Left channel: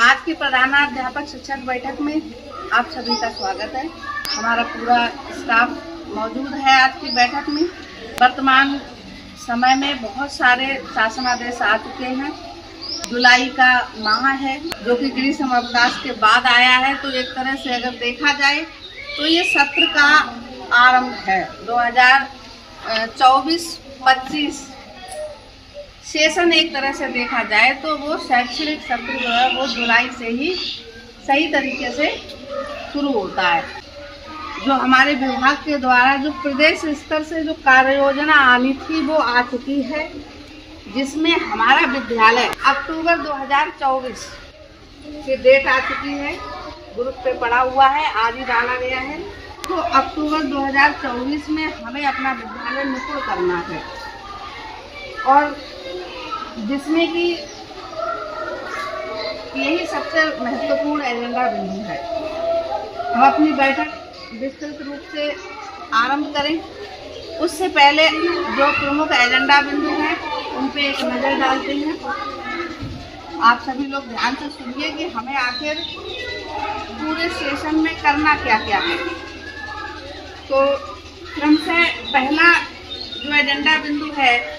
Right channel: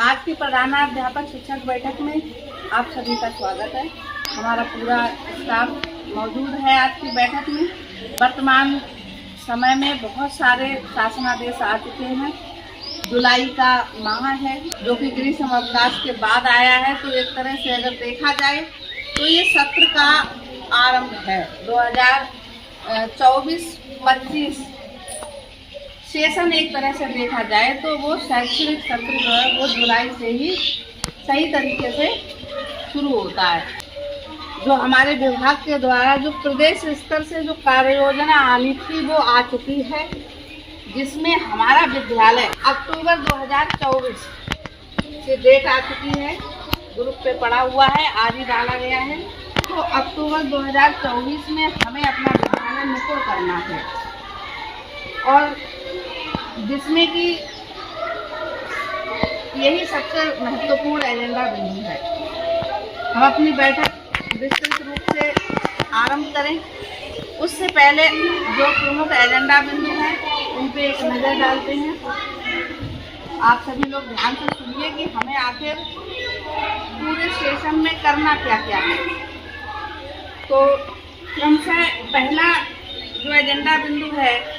आज की प्रधानाध्यापक शिक्षक बैठक में आप सभी का स्वागत है। हमारा पूरा स्टाफ मौजूद है आज की बैठक में। वर्तमान समय में बहुत सारे शासनादेश आ चुके हैं। जुलाई का माह है जो कि ग्रीष्म अवकाश के बाद आया है, तो एक तरह से अगर देखा जाए तो ये सत्र का आरंभ है। 2024-25 सेशन एक तरह से देखा जाए तो वो शैक्षणिक सत्र जो है वो जुलाई से ही सही तरीके से शुरू होता है। जो हमारे विभाग के द्वारा जो प्रदेश स्तर से जो कार्य योजना आनी थी वो आ चुकी है, जिसमें हमारा विद्यालय अक्टूबर 2024 की डेट आ चुकी है। ग्रुप पे पड़ा हुआ है, आज ही डाला गया है। तो अक्टूबर 2024 में हमें अपना विद्यालय निपुण करना है, और जिसमें कि यही सबसे महत्वपूर्ण एजेंडा बिंदु है। हम अपनी बैठक विस्तृत रूप से आरंभ करें उससे पहले जो प्रमुख एजेंडा बिंदु हैं उन पे एक नज़र डालते हैं। आप सभी लोग ध्यान से सुनिए कि हमें आखिर पूरे सेशन में करना क्या क्या है। तो क्रमशः पहला जो एजेंडा बिंदु है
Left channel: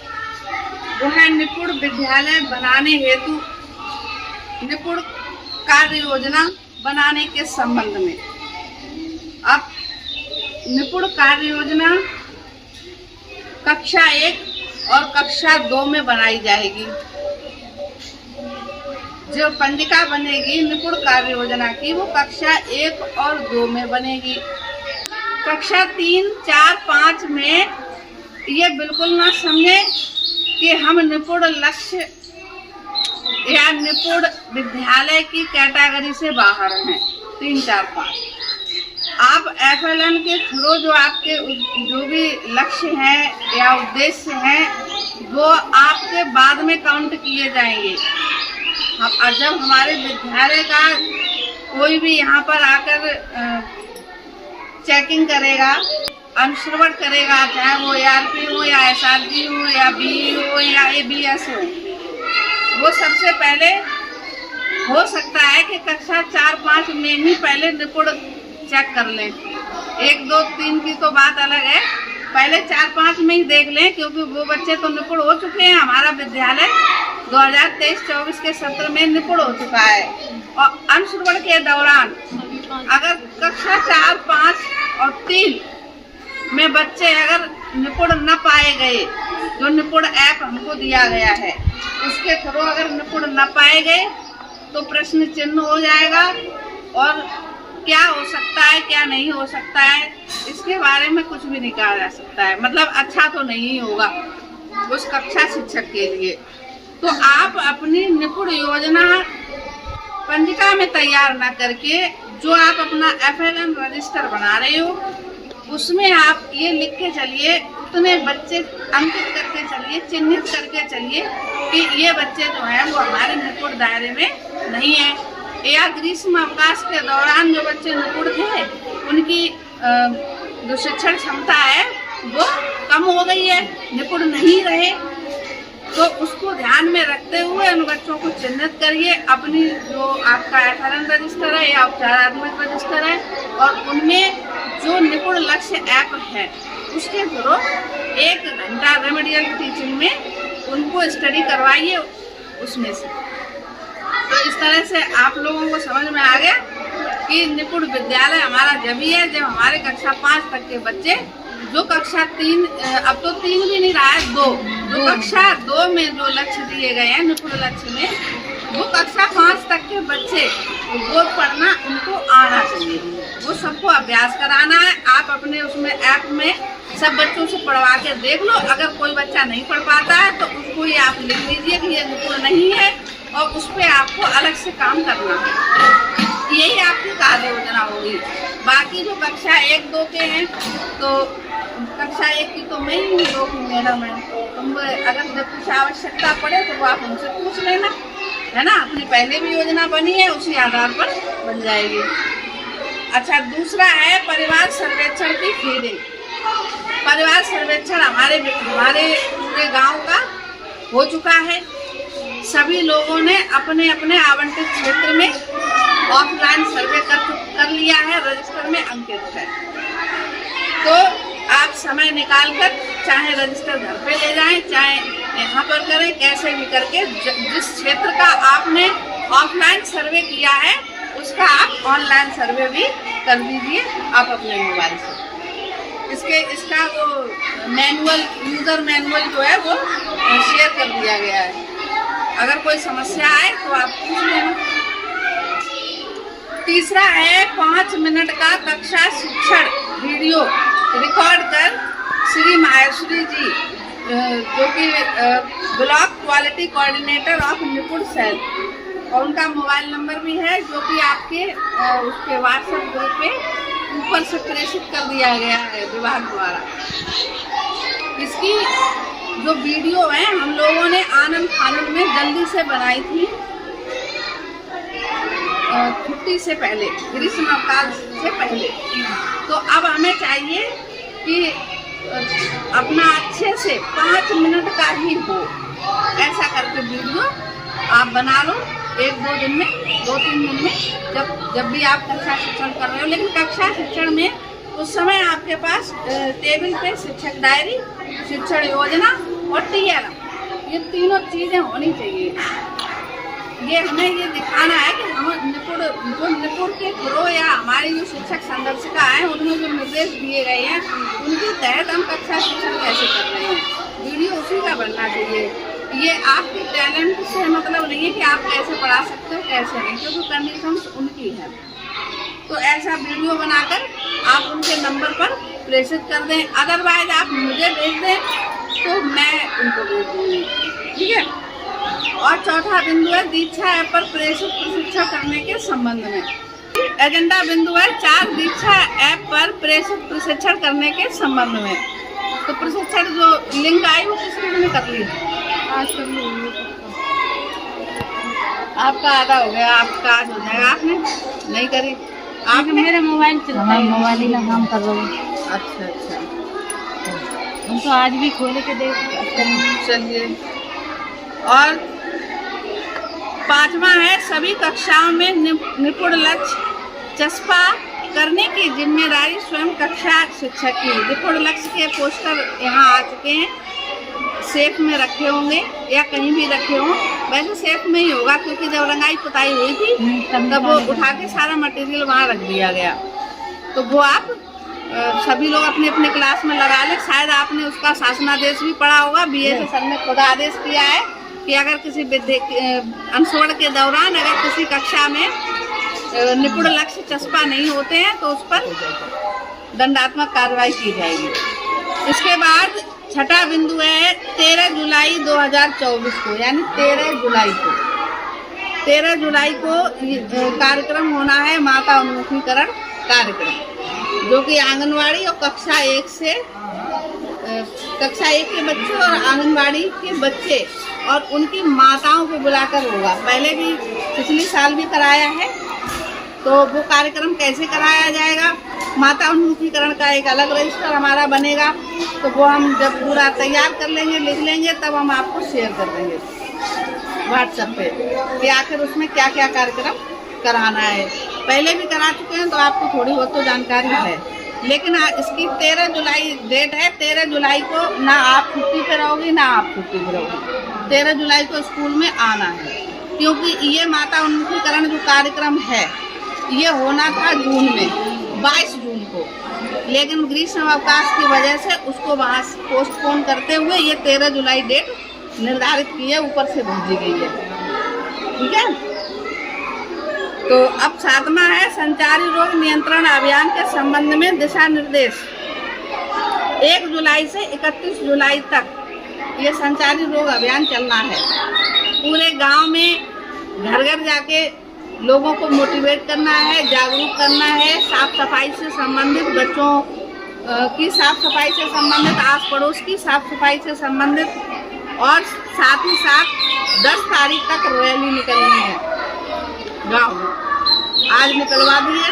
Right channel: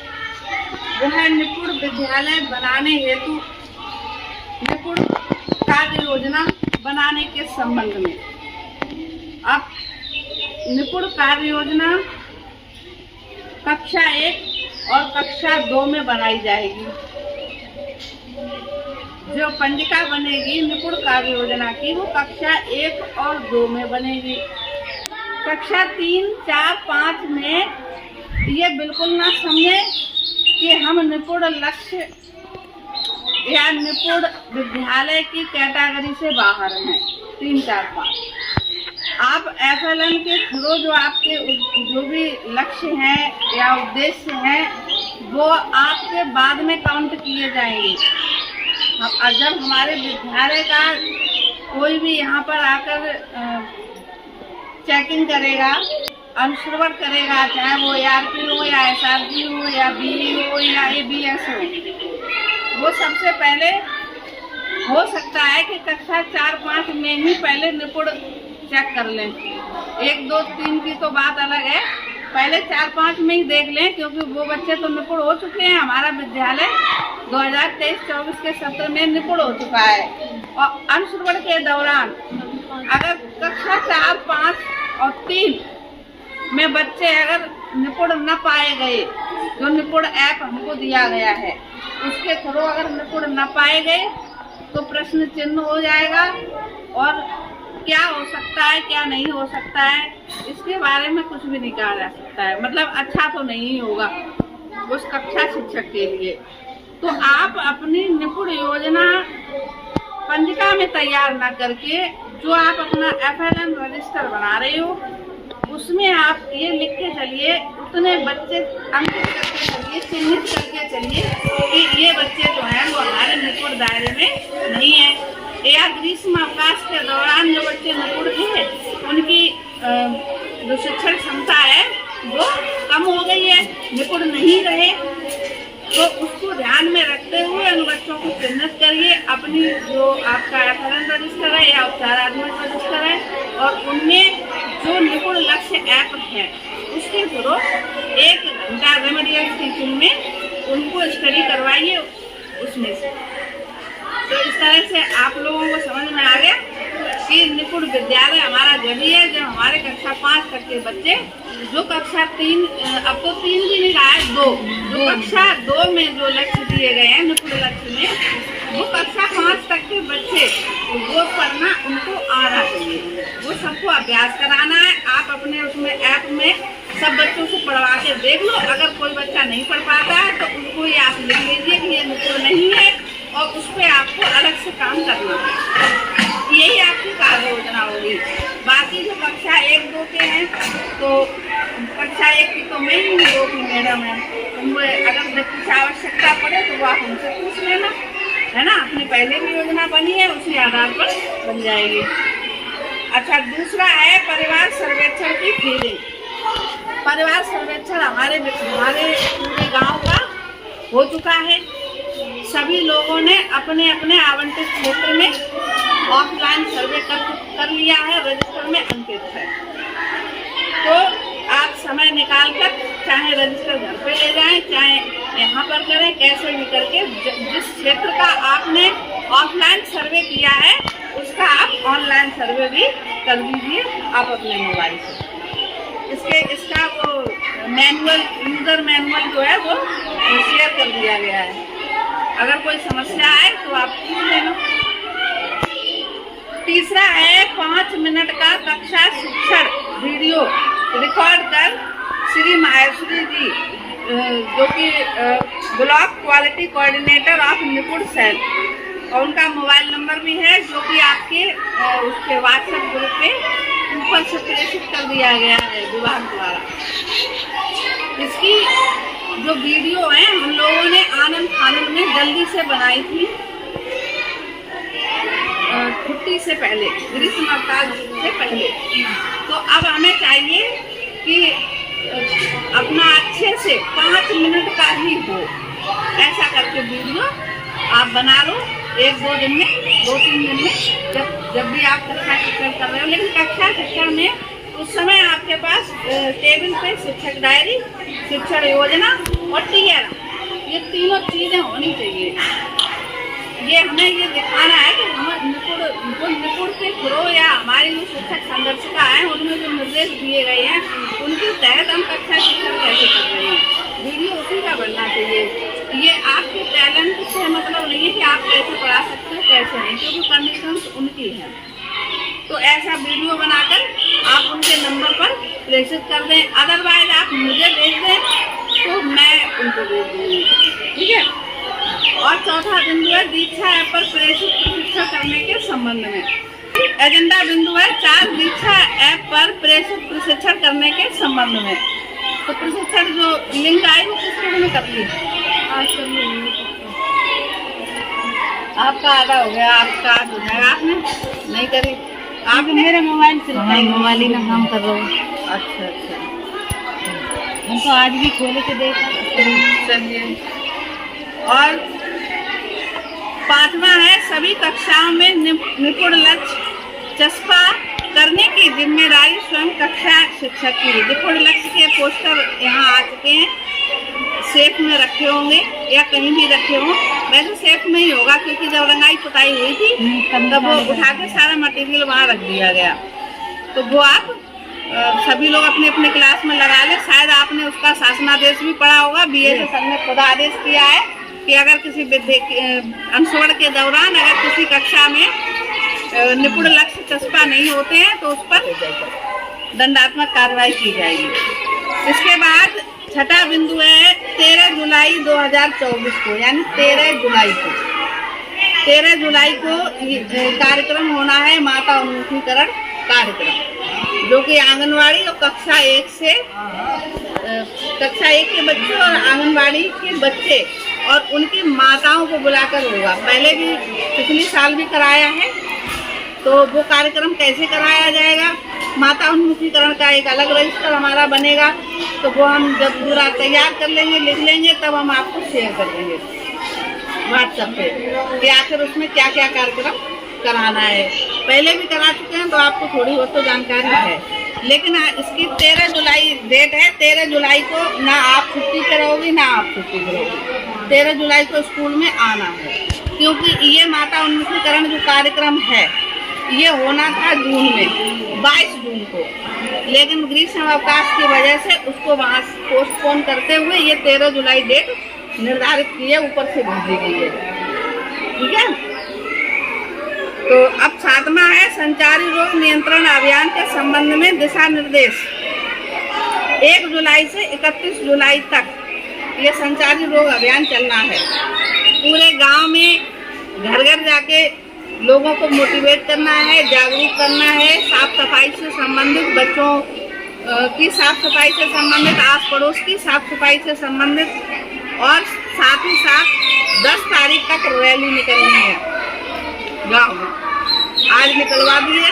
वो है निपुण विद्यालय बनाने हेतु निपुण कार्य योजना बनाने के संबंध में। अब निपुण कार्य योजना कक्षा 1 और कक्षा 2 में बनाई जाएगी। जो पंजिका बनेगी निपुण कार्य योजना की वो कक्षा 1 और 2 में बनेगी। कक्षा 3, 4, 5 में ये बिल्कुल ना समझे कि हम निपुण लक्ष्य या निपुण विद्यालय की कैटेगरी से बाहर हैं। 3, 4, 5 आप FLN के थ्रू जो आपके जो भी लक्ष्य हैं या उद्देश्य हैं वो आपके बाद में काउंट किए जाएंगे। जब हमारे विद्यालय का कोई भी यहाँ पर आकर चेकिंग करेगा, अनुश्रवण करेगा, चाहे वो ARP हो या SRG हो या BE हो या ABS हो, वो सबसे पहले हो सकता है कि कक्षा 4, 5 में ही पहले निपुण चेक कर लें। 1, 2, 3 की तो बात अलग है, पहले 4, 5 में ही देख लें, क्योंकि वो बच्चे तो निपुण हो चुके हैं। हमारा विद्यालय 2023-24 के सत्र में निपुण हो चुका है। और अनुश्रवण के दौरान अगर कक्षा 4, 5 और 3 में बच्चे अगर निपुण न पाए गए, जो निपुण ऐप हमको दिया गया है उसके थ्रू अगर निपुण न पाए गए तो प्रश्न चिन्ह हो जाएगा, और क्या हो सकता है क्या नहीं हो सकता है इसके बारे में कुछ भी नहीं कहा जा सकता है। मतलब अच्छा तो नहीं होगा उस कक्षा शिक्षक के लिए। तो आप अपनी निपुण योजना पंजिका में तैयार ना करके जो आप अपना FLN रजिस्टर बना रहे हो उसमें आप ये लिख के चलिए, उतने बच्चे अंकित करके चलिए, चिन्हित करके चलिए कि ये बच्चे जो हैं वो हमारे निपुण दायरे में नहीं है, या ग्रीष्म अवकाश के दौरान जो बच्चे निपुण थे उनकी जो शिक्षण क्षमता है वो कम हो गई है, निपुण नहीं रहे। तो उसको ध्यान में रखते हुए उन बच्चों को चिन्हित करिए। अपनी जो आपका FLN रजिस्टर है या उपचारात्मक रजिस्टर है और उनमें जो निपुण लक्ष्य ऐप है उसके थ्रू 1 घंटा रेमेडियल टीचिंग में उनको स्टडी करवाइए उसमें से। तो इस तरह से आप लोगों को समझ में आ गया कि निपुण विद्यालय हमारा जब ही है जब हमारे कक्षा 5 तक के बच्चे, जो कक्षा 3 अब तो 3 भी नहीं रहा है, 2 जो कक्षा 2 में जो लक्ष्य दिए गए हैं निपुण लक्ष्य में, वो कक्षा 5 तक के बच्चे वो पढ़ना उनको आना चाहिए, वो सबको अभ्यास कराना है। आप अपने उसमें ऐप में सब बच्चों से पढ़वा के देख लो। अगर कोई बच्चा नहीं पढ़ पाता है तो उसको ये आप लिख लीजिए कि ये निपुण नहीं है, और उस पर आपको अलग से काम करना है। यही आपकी कार्य योजना होगी। बाकी जो कक्षा 1, 2 के हैं तो कक्षा 1 की तो मैं ही 2 की मैडम है, तो अगर कुछ आवश्यकता पड़े तो वो आप हमसे पूछ लेना, है ना। अपनी पहले भी योजना बनी है उसी आधार पर बन जाएगी। अच्छा, दूसरा है परिवार सर्वेक्षण की फीडिंग। परिवार सर्वेक्षण हमारे पूरे गांव का हो चुका है। सभी लोगों ने अपने अपने आवंटित क्षेत्र में ऑफलाइन सर्वे कर लिया है, रजिस्टर में अंकित है। तो आप समय निकालकर चाहे रजिस्टर घर पे ले जाएं, चाहे यहाँ पर करें, कैसे भी करके जिस क्षेत्र का आपने ऑफलाइन सर्वे किया है उसका आप ऑनलाइन सर्वे भी कर दीजिए आप अपने मोबाइल से। इसका वो मैनुअल, यूज़र मैनुअल जो है वो शेयर कर दिया गया है। अगर कोई समस्या आए तो आप पूछ लेना। तीसरा है 5 मिनट का कक्षा शिक्षण वीडियो रिकॉर्ड कर श्री माहेश्वरी जी जो कि ब्लॉक क्वालिटी कोऑर्डिनेटर ऑफ निपुण सेल, और उनका मोबाइल नंबर भी है जो कि आपके उसके व्हाट्सएप ग्रुप पे ऊपर से प्रेषित कर दिया गया है विभाग द्वारा। इसकी जो वीडियो है हम लोगों ने आनंद फानंद में जल्दी से बनाई थी, छुट्टी से पहले, ग्रीष्म अवकाश से पहले। तो अब हमें चाहिए कि अपना अच्छे से 5 मिनट का ही हो, ऐसा करके वीडियो आप बना लो 1-2 दिन में, 2-3 दिन में, जब भी आप कक्षा शिक्षण कर रहे हो। लेकिन कक्षा शिक्षण में उस समय आपके पास टेबल पे शिक्षक डायरी, शिक्षण योजना और TRM, ये तीनों चीज़ें होनी चाहिए। ये हमें ये दिखाना है कि हम निपुण के थ्रू या हमारी जो शिक्षक संदर्शिका है उनमें जो निर्देश दिए गए हैं उनके तहत हम कक्षा शिक्षण कैसे कर रहे हैं। वीडियो उसी का बनना चाहिए। ये आपके टैलेंट से मतलब नहीं है कि आप कैसे पढ़ा सकते हो कैसे नहीं, क्योंकि कंडीशंस उनकी है। तो ऐसा वीडियो बनाकर आप उनके नंबर पर प्रेषित कर दें, अदरवाइज आप मुझे भेज दें तो मैं उनको भेज दूँगी, ठीक है। और चौथा बिंदु है दीक्षा ऐप पर प्रेषित प्रशिक्षण करने के संबंध में। एजेंडा बिंदु है 4 दीक्षा ऐप पर प्रेषित प्रशिक्षण करने के संबंध में। तो प्रशिक्षण जो लिंक आई वो किस किस में कर ली? आपका आधा हो गया, आपका आज हो जाएगा। आपने नहीं करी? आप मेरा मोबाइल से मोबाइल में काम कर रहा हूँ। अच्छा, हम तो आज भी खोले के देख। चलिए। और 5वां है सभी कक्षाओं में निपुण लक्ष्य चस्पा करने की जिम्मेदारी स्वयं कक्षा शिक्षक की। निपुण लक्ष्य के पोस्टर यहाँ आ चुके हैं, सेफ में रखे होंगे या कहीं भी रखे हों। वैसे सेफ में ही होगा क्योंकि जब रंगाई पुताई हुई थी तब वो उठा के सारा मटेरियल वहाँ रख दिया गया। तो वो आप सभी लोग अपने अपने क्लास में लगा ले। शायद आपने उसका शासनादेश भी पढ़ा होगा। BSS सर ने खुद आदेश किया है कि अगर किसी अंशवर्ण के दौरान अगर किसी कक्षा में निपुण लक्ष्य चस्पा नहीं होते हैं तो उस पर दंडात्मक कार्रवाई की जाएगी। इसके बाद छठा बिंदु है 13 जुलाई 2024 को, यानी 13 जुलाई को कार्यक्रम होना है माता उन्मुखीकरण कार्यक्रम, जो कि आंगनवाड़ी और कक्षा 1 के बच्चे और आंगनवाड़ी के बच्चे और उनकी माताओं को बुलाकर होगा। पहले भी पिछले साल भी कराया है। तो वो कार्यक्रम कैसे कराया जाएगा? माता उन्मुखीकरण का एक अलग रजिस्टर हमारा बनेगा, तो वो हम जब पूरा तैयार कर लेंगे, लिख लेंगे, तब हम आपको शेयर कर देंगे व्हाट्सएप पे कि आखिर उसमें क्या क्या कार्यक्रम कराना है। पहले भी करा चुके हैं तो आपको थोड़ी बहुत तो जानकारी है। लेकिन इसकी 13 जुलाई डेट है। 13 जुलाई को ना आप छुट्टी पे रहोगी ना आप छुट्टी पे रहोगी। 13 जुलाई को स्कूल में आना है, क्योंकि ये माता उन्मुखीकरण जो कार्यक्रम है ये होना था जून में, 22 जून को, लेकिन ग्रीष्म अवकाश की वजह से उसको वहाँ पोस्टपोन करते हुए ये 13 जुलाई डेट निर्धारित की है, ऊपर से भेजी गई है, ठीक है। तो अब 7वां है संचारी रोग नियंत्रण अभियान के संबंध में दिशा निर्देश। 1 जुलाई से 31 जुलाई तक ये संचारी रोग अभियान चलना है। पूरे गांव में घर घर जाके लोगों को मोटिवेट करना है, जागरूक करना है, साफ सफाई से संबंधित बच्चों की साफ सफाई से संबंधित, आस पड़ोस की साफ सफाई से संबंधित, और साथ ही साथ 10 तारीख तक रैली निकलनी है गाँव में। आज निकलवा दी है,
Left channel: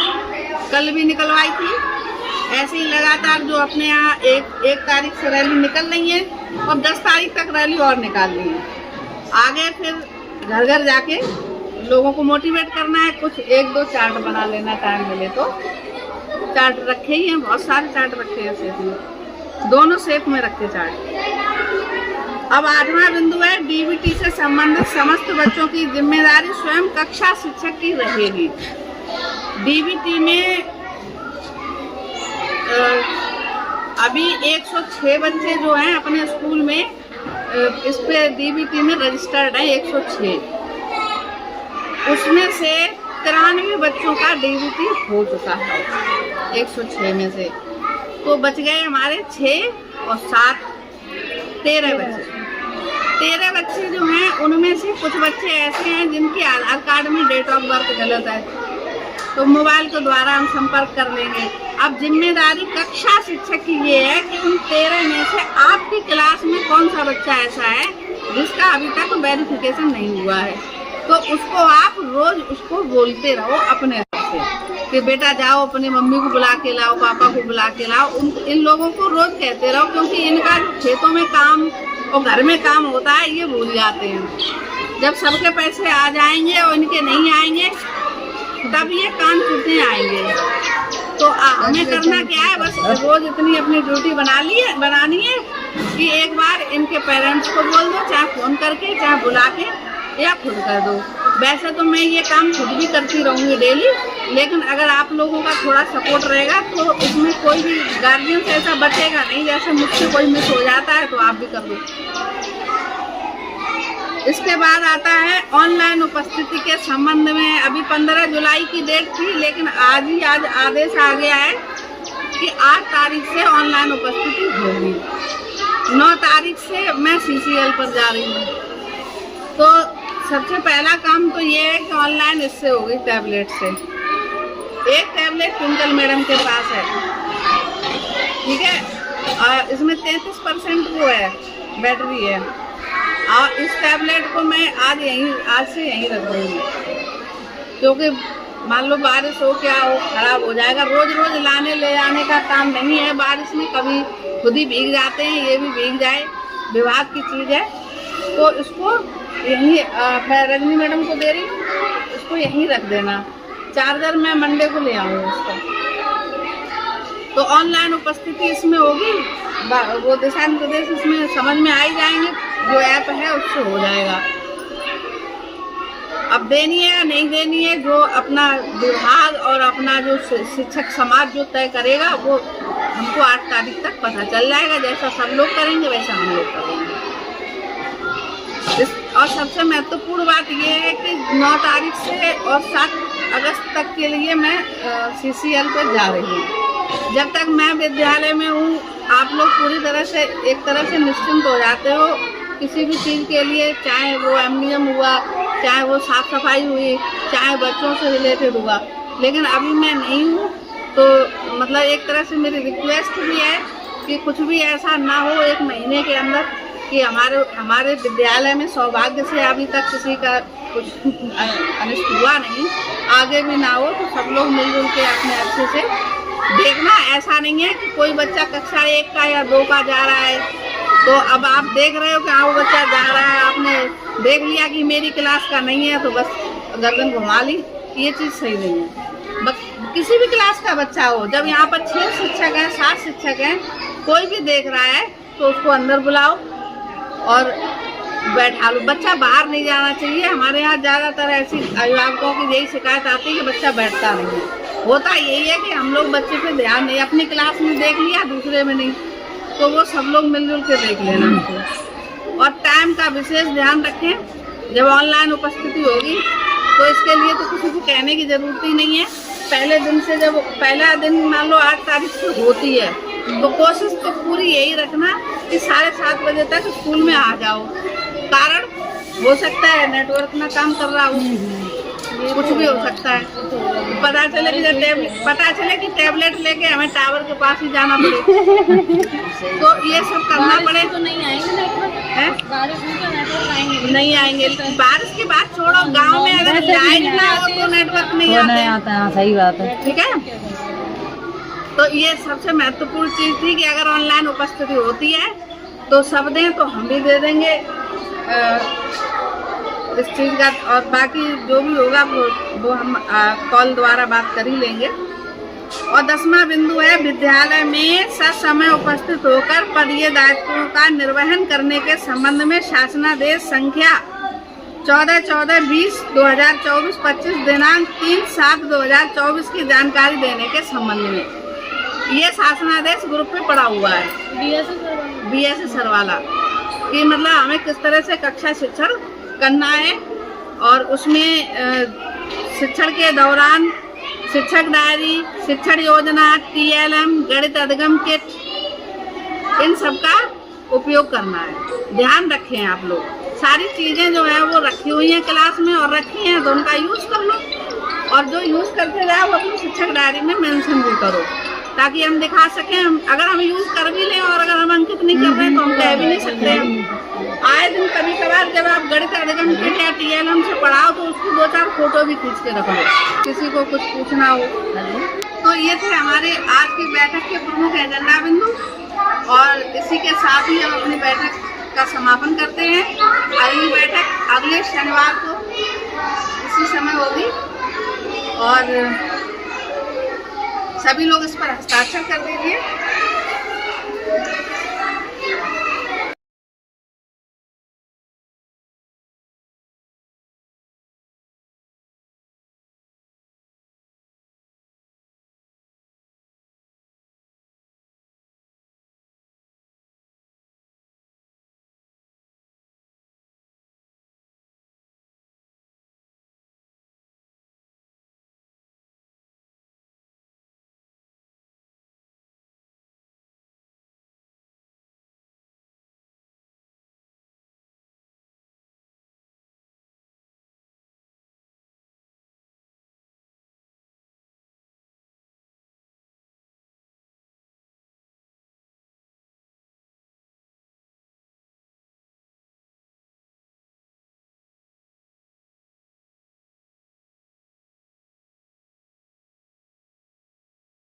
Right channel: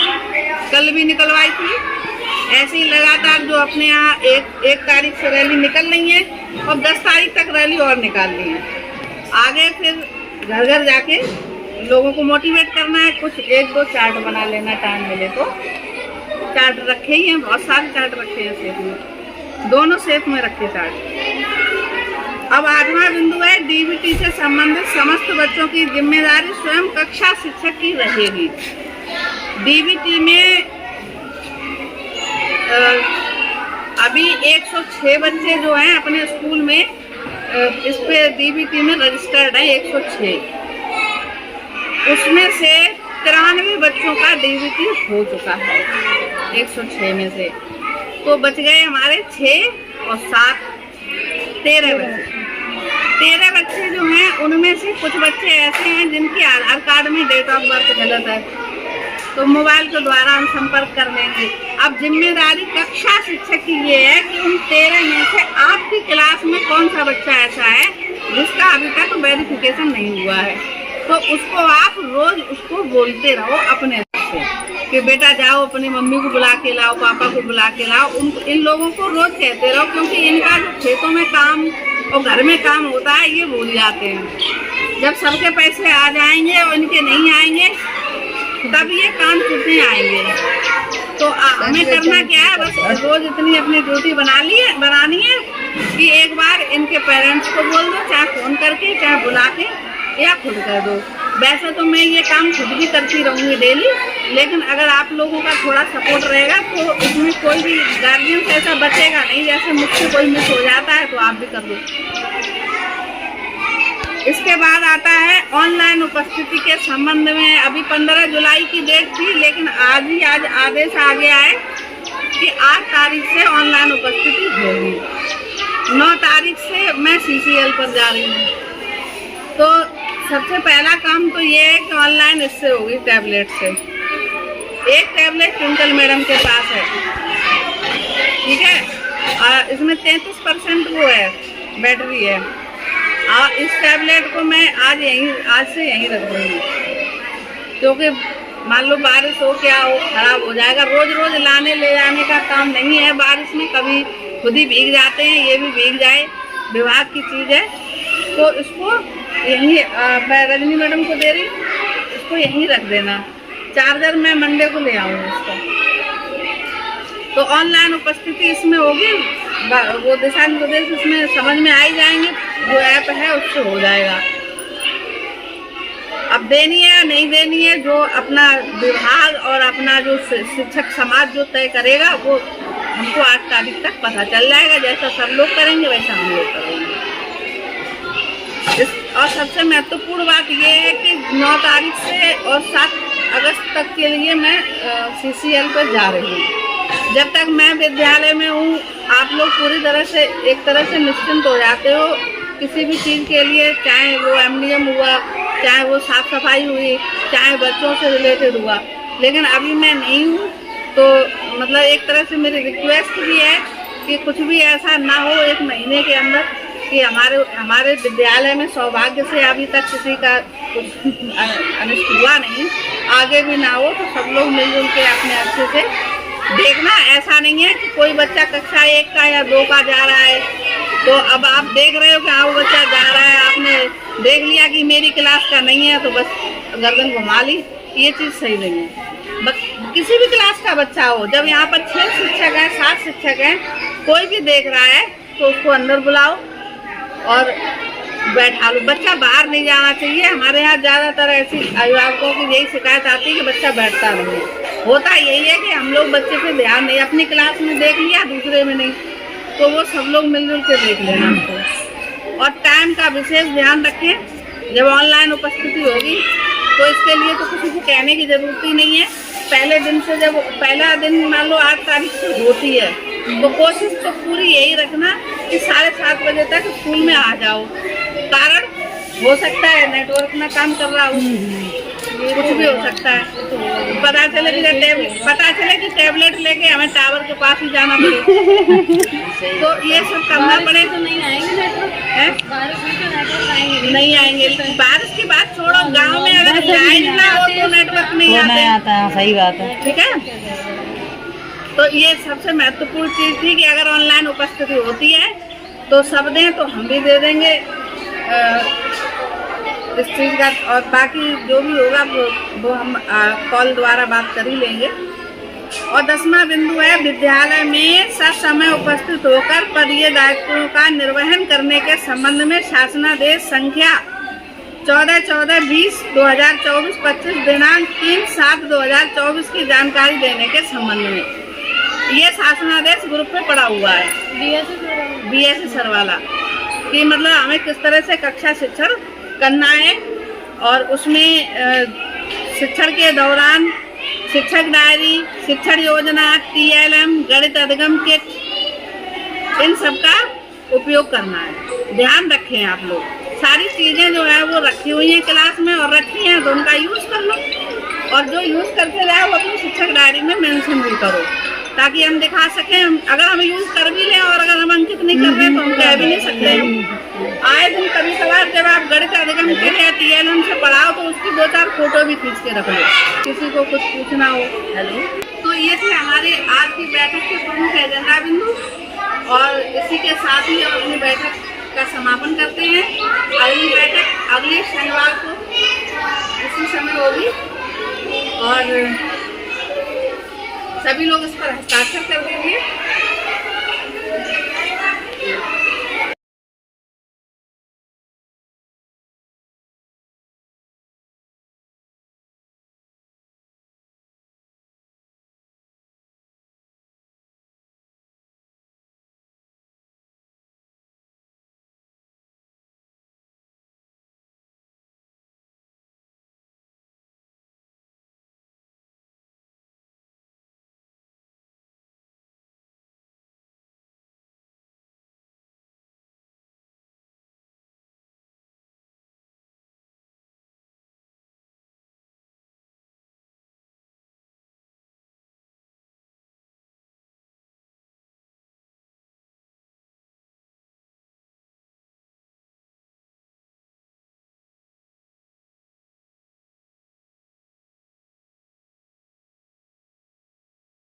कल भी निकलवाई थी। ऐसे ही लगातार जो अपने यहाँ एक तारीख से रैली निकल रही है और 10 तारीख तक रैली और निकाल ली है। आगे फिर घर घर जाके लोगों को मोटिवेट करना है। कुछ 1-2 चार्ट बना लेना टाइम मिले तो। चार्ट रखे ही हैं, बहुत सारे चार्ट रखे हैं शेप में, दोनों शेप में रखे चार्ट। अब 8वां बिंदु है, डीबीटी से संबंधित समस्त बच्चों की जिम्मेदारी स्वयं कक्षा शिक्षक की रहेगी। डीबीटी में अभी 106 बच्चे जो हैं अपने स्कूल में इस पे डीबीटी में रजिस्टर्ड है 106। उसमें से 93 बच्चों का डीबीटी हो चुका है 106 में से। तो बच गए हमारे 6 और 7 13 बच्चे। 13 बच्चे जो हैं उनमें से कुछ बच्चे ऐसे हैं जिनके आधार कार्ड में डेट ऑफ बर्थ गलत है, तो मोबाइल के द्वारा हम संपर्क कर लेंगे। अब जिम्मेदारी कक्षा शिक्षक की ये है कि उन 13 में से आपकी क्लास में कौन सा बच्चा ऐसा है जिसका अभी तक वेरिफिकेशन नहीं हुआ है, तो उसको आप रोज उसको बोलते रहो अपने से कि बेटा जाओ अपनी मम्मी को बुला के लाओ, पापा को बुला के लाओ। इन लोगों को रोज कहते रहो, क्योंकि इनका जो खेतों में काम और घर में काम होता है ये भूल जाते हैं। जब सबके पैसे आ जाएंगे और इनके नहीं आएंगे तब ये कान टूटने आएंगे। तो हमें करना क्या है, बस रोज इतनी अपनी ड्यूटी बनानी है कि एक बार इनके पेरेंट्स को बोल दो, चाहे फोन करके चाहे बुला के या खुद कर दो। वैसे तो मैं ये काम खुद भी करती रहूँगी डेली, लेकिन अगर आप लोगों का थोड़ा सपोर्ट रहेगा तो इसमें कोई भी गार्जियन से ऐसा बचेगा नहीं। जैसे मुझसे कोई मिस हो जाता है तो आप भी कर दो। इसके बाद आता है ऑनलाइन उपस्थिति के संबंध में। अभी 15 जुलाई की डेट थी, लेकिन आज आदेश आ गया है कि 8 तारीख से ऑनलाइन उपस्थिति होगी। 9 तारीख से मैं CCL पर जा रही हूँ। तो सबसे पहला काम तो ये है कि ऑनलाइन इससे होगी, टैबलेट से। एक टैबलेट ट्विंकल मैडम के पास है, ठीक है, और इसमें 33% वो है बैटरी है। और इस टैबलेट को मैं आज से यहीं रख दूँगी, क्योंकि मान लो बारिश हो क्या हो, खराब हो जाएगा। रोज रोज लाने ले जाने का काम नहीं है। बारिश में कभी खुद ही भीग जाते हैं, ये भी भीग जाए, विभाग की चीज़ है। तो इसको यहीं मैं रजनी मैडम को दे रही हूँ, इसको यहीं रख देना। चार्जर मैं मंडे को ले आऊँगी इसका। तो ऑनलाइन उपस्थिति इसमें होगी, वो दिशा निर्देश इसमें समझ में आ ही जाएंगे, जो ऐप है उससे हो जाएगा। अब देनी है या नहीं देनी है, जो अपना विभाग और अपना जो शिक्षक समाज जो तय करेगा वो हमको 8 तारीख तक पता चल जाएगा। जैसा सब लोग करेंगे वैसा हम लोग करेंगे। और सबसे महत्वपूर्ण बात ये है कि 9 तारीख से और 7 अगस्त तक के लिए मैं CCL पर जा रही हूँ। जब तक मैं विद्यालय में हूँ आप लोग पूरी तरह से एक तरह से निश्चिंत हो जाते हो किसी भी चीज़ के लिए, चाहे वो MDM हुआ, चाहे वो साफ सफाई हुई, चाहे बच्चों से रिलेटेड हुआ। लेकिन अभी मैं नहीं हूँ, तो मतलब एक तरह से मेरी रिक्वेस्ट भी है कि कुछ भी ऐसा ना हो 1 महीने के अंदर कि हमारे विद्यालय में सौभाग्य से अभी तक किसी का कुछ अनिष्ट हुआ नहीं, आगे भी ना हो। तो सब लोग मिलजुल के अपने अच्छे से देखना। ऐसा नहीं है कि कोई बच्चा कक्षा 1 का या 2 का जा रहा है तो अब आप देख रहे हो कि हाँ वो बच्चा जा रहा है, आपने देख लिया कि मेरी क्लास का नहीं है तो बस गर्दन घुमा ली। ये चीज़ सही नहीं है। बस किसी भी क्लास का बच्चा हो, जब यहाँ पर 6 शिक्षक हैं, 7 शिक्षक हैं, कोई भी देख रहा है तो उसको अंदर बुलाओ और बैठा लो। बच्चा बाहर नहीं जाना चाहिए। हमारे यहाँ ज़्यादातर ऐसी अभिभावकों की यही शिकायत आती है कि बच्चा बैठता नहीं है। होता यही है कि हम लोग बच्चे पे ध्यान नहीं, अपनी क्लास में देख लिया दूसरे में नहीं, तो वो सब लोग मिलजुल के देख लेना हमको। और टाइम का विशेष ध्यान रखें। जब ऑनलाइन उपस्थिति होगी तो इसके लिए तो किसी को कहने की ज़रूरत ही नहीं है। पहले दिन से, जब पहला दिन मान लो 8 तारीख से होती है, तो कोशिश तो पूरी यही रखना कि 7:30 बजे तक स्कूल में आ जाओ। कारण हो सकता है नेटवर्क ना काम कर रहा हो, कुछ भी हो सकता है। पता चले कि टैबलेट लेके हमें टावर के पास ही जाना पड़े तो ये सब करना पड़े। तो नहीं आएंगे। बारिश की बात छोड़ो, गांव में अगर लाइट ना हो तो नेटवर्क नहीं आता। सही बात है, ठीक है। तो ये सबसे महत्वपूर्ण चीज़ थी कि अगर ऑनलाइन उपस्थिति होती है तो सब दें, तो हम भी दे देंगे। इस चीज़ का, और बाकी जो भी होगा वो हम कॉल द्वारा बात कर ही लेंगे। और 10वां बिंदु है, विद्यालय में ससमय उपस्थित होकर पदीय दायित्वों का निर्वहन करने के संबंध में शासनादेश संख्या 14/20/2024 25 दिनांक 3/7/2024 की जानकारी देने के संबंध में। ये शासनादेश ग्रुप में पड़ा हुआ है BSc सरवाला कि मतलब हमें किस तरह से कक्षा शिक्षण करना है, और उसमें शिक्षण के दौरान शिक्षक डायरी, शिक्षण योजना, TLM, गणित अधिगम किट, इन सब का उपयोग करना है। ध्यान रखें आप लोग, सारी चीज़ें जो है वो रखी हुई हैं क्लास में, और रखी हैं तो उनका यूज़ कर लो, और जो यूज़ करते जाए वो अपनी शिक्षक डायरी में मेंशन भी करो, ताकि हम दिखा सकें। अगर हम यूज़ कर भी लें और अगर हम अंकित नहीं कर रहे तो हम कह भी नहीं सकते। आए दिन कभी कभार जब आप गणित अधिगम किट या TLM से पढ़ाओ तो उसकी 2-4 फोटो भी खींच के रख लो, किसी को कुछ पूछना हो। तो ये थे हमारे आज की बैठक के प्रमुख एजेंडा बिंदु, और इसी के साथ ही हम अपनी बैठक का समापन करते हैं। अगली बैठक अगले शनिवार को इसी समय होगी, और सभी लोग इस पर हस्ताक्षर कर दीजिए।